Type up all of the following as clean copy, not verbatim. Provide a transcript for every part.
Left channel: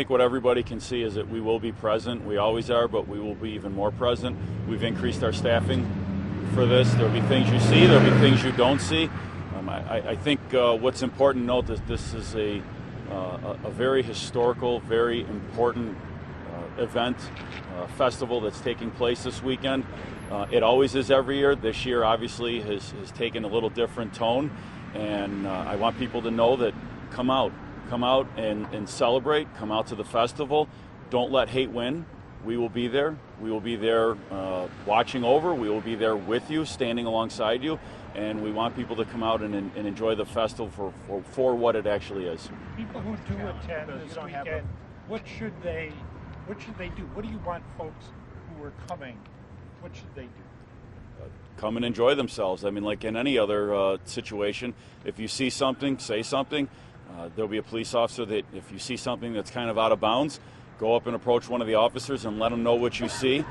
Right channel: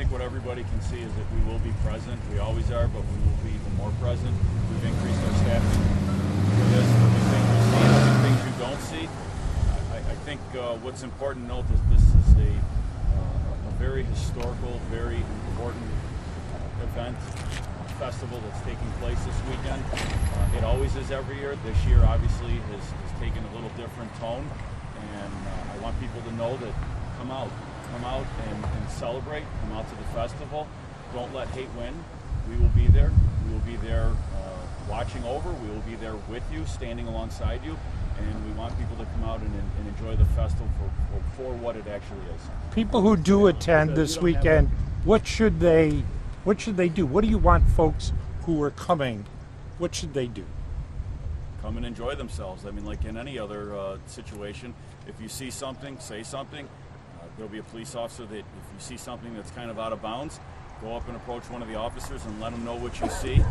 think what everybody can see is that we will be present. We always are, but we will be even more present. We've increased our staffing for this. There'll be things you see, there'll be things you don't see. I think what's important to note is this is a very historical, very important event, festival that's taking place this weekend. It always is every year. This year obviously has taken a little different tone, and I want people to know that come out and celebrate, come out to the festival. Don't let hate win. We will be there. We will be there watching over. We will be there with you, standing alongside you, and we want people to come out and enjoy the festival for what it actually is. People who do attend this weekend, what should they do? What do you want folks who are coming, what should they do? Come and enjoy themselves. I mean, like in any other situation, if you see something, say something. There'll be a police officer that if you see something that's kind of out of bounds, go up and approach one of the officers and let them know what you see.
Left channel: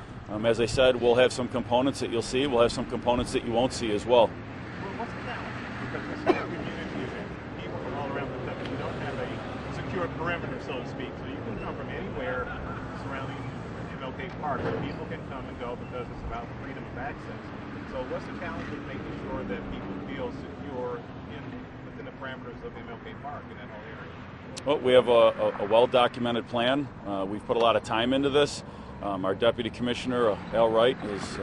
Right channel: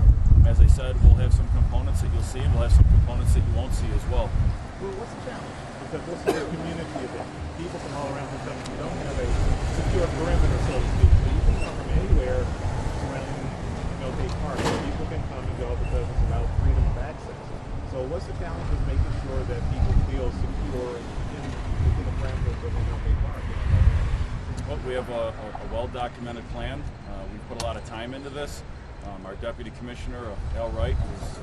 As I said, we'll have some components that you'll see. We'll have some components that you won't see as well. Well, what's the challenge? Because this is a community event. People from all around the country. You don't have a secure perimeter, so to speak. So you can come from anywhere surrounding MLK Park. People can come and go because it's about freedom of access. So what's the challenge with making sure that people feel secure within the parameters of MLK Park? Well, we have a well-documented plan. We've put a lot of time into this. Our Deputy Commissioner, Al Wright, has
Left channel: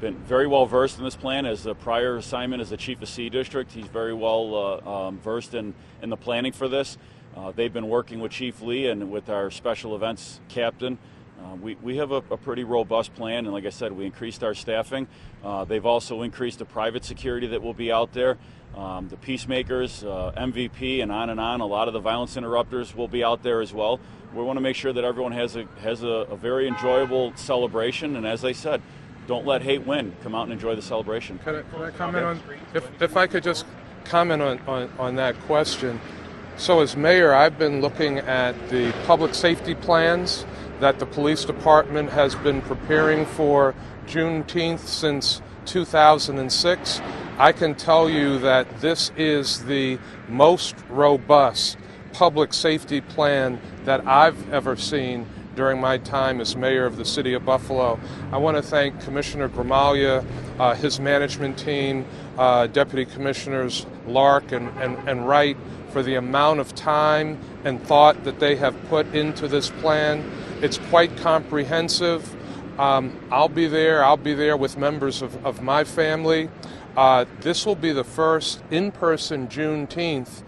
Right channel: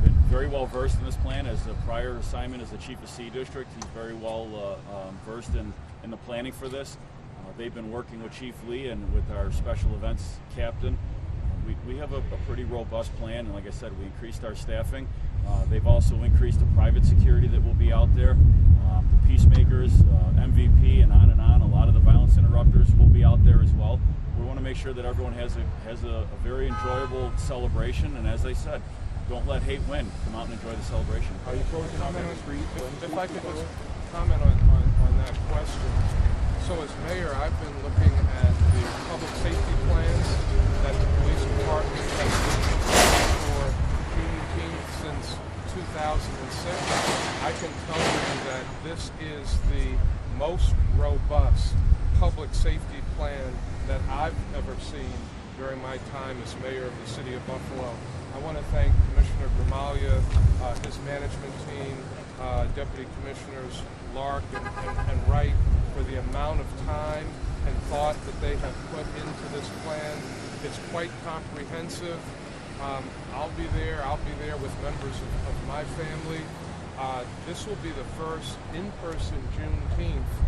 been very well versed in this plan. As a prior assignment as the Chief of C District, he's very well versed in the planning for this. They've been working with Chief Lee and with our special events captain. We have a pretty robust plan, and like I said, we increased our staffing. They've also increased the private security that will be out there. The peacemakers, MVP, and on. A lot of the violence interrupters will be out there as well. We want to make sure that everyone has a very enjoyable celebration, and as I said, don't let hate win. Come out and enjoy the celebration. Can I comment on, if I could just comment on that question. So as mayor, I've been looking at the public safety plans that the police department has been preparing for Juneteenth since 2006. I can tell you that this is the most robust public safety plan that I've ever seen during my time as mayor of the city of Buffalo. I want to thank Commissioner Gramaglia, his management team, Deputy Commissioners Lark and Wright for the amount of time and thought that they have put into this plan. It's quite comprehensive. I'll be there with members of my family. This will be the first in-person Juneteenth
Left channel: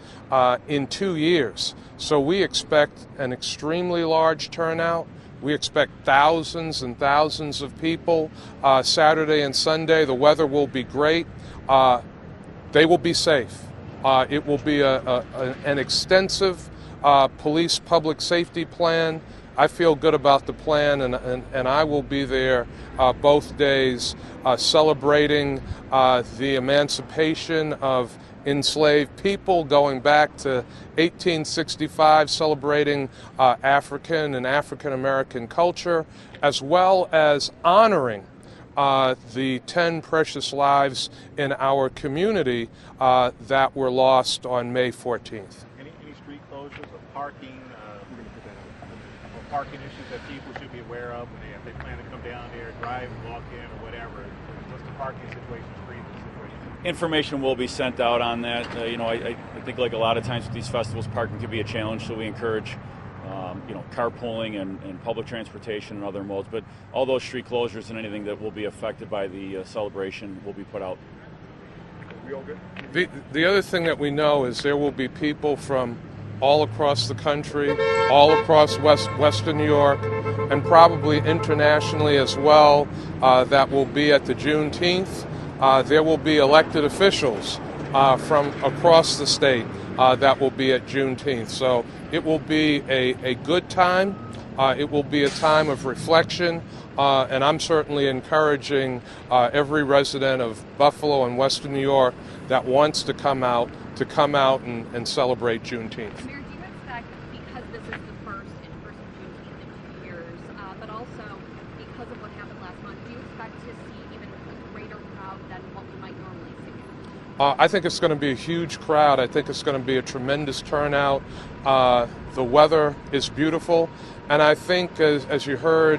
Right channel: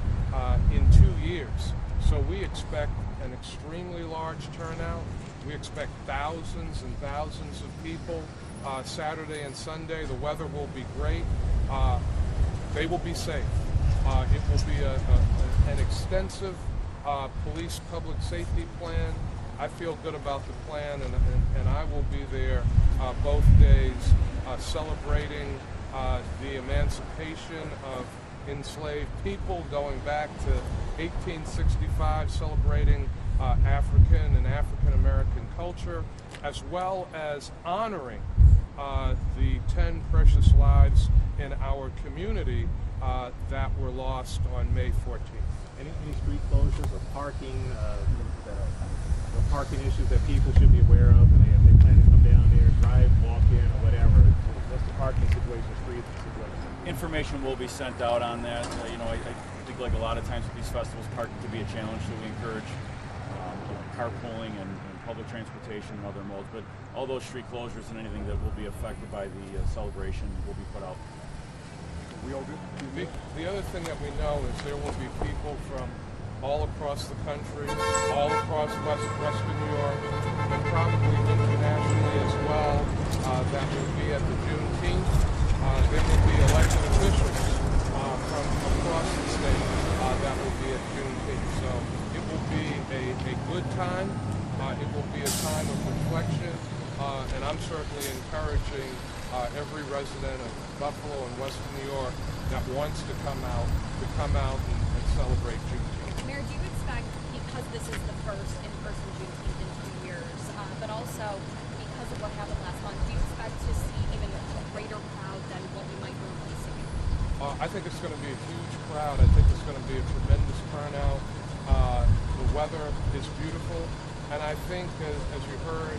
in 2 years. So we expect an extremely large turnout. We expect thousands and thousands of people Saturday and Sunday. The weather will be great. They will be safe. It will be an extensive police public safety plan. I feel good about the plan, and I will be there both days celebrating the emancipation of enslaved people, going back to 1865, celebrating African and African American culture, as well as honoring the 10 precious lives in our community that were lost on May 14th. Any street closures or parking issues that people should be aware of, and if they plan to come down there, drive, walk in, or whatever? What's the parking situation, street situation? Information will be sent out on that. I think like a lot of times with these festivals, parking could be a challenge, so we encourage carpooling and public transportation and other modes. But all those street closures and anything that will be affected by the celebration will be put out. Are we all good? The other thing that we know is there will be people from all across the country, all across Western New York, and probably internationally as well, that will be at the Juneteenth. There will be elected officials from across the state that will be at Juneteenth. So it will be a good time. It will be a time of reflection, and I'm certainly encouraging every resident of Buffalo and Western New York that wants to come out and celebrate Juneteenth. Mayor, do you expect, because this is the first in-person Juneteenth in 2 years, but also because of what happened last month, do you expect to see even a greater crowd than what we might normally see? I think it's going to be a huge crowd. I think it's going to be a tremendous turnout. The weather is beautiful. And I think, as you heard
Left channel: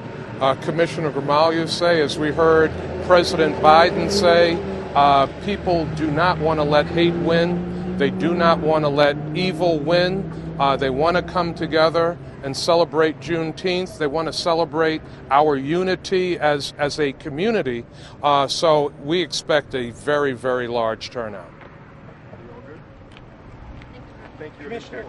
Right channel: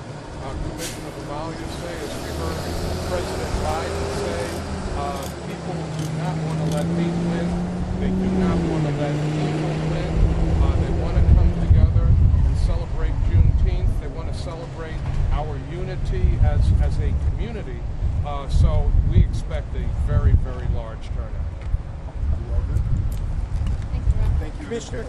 Commissioner Gramaglia say, as we heard President Biden say, people do not want to let hate win. They do not want to let evil win. They want to come together and celebrate Juneteenth. They want to celebrate our unity as a community. So we expect a very, very large turnout. Thank you. Commissioner,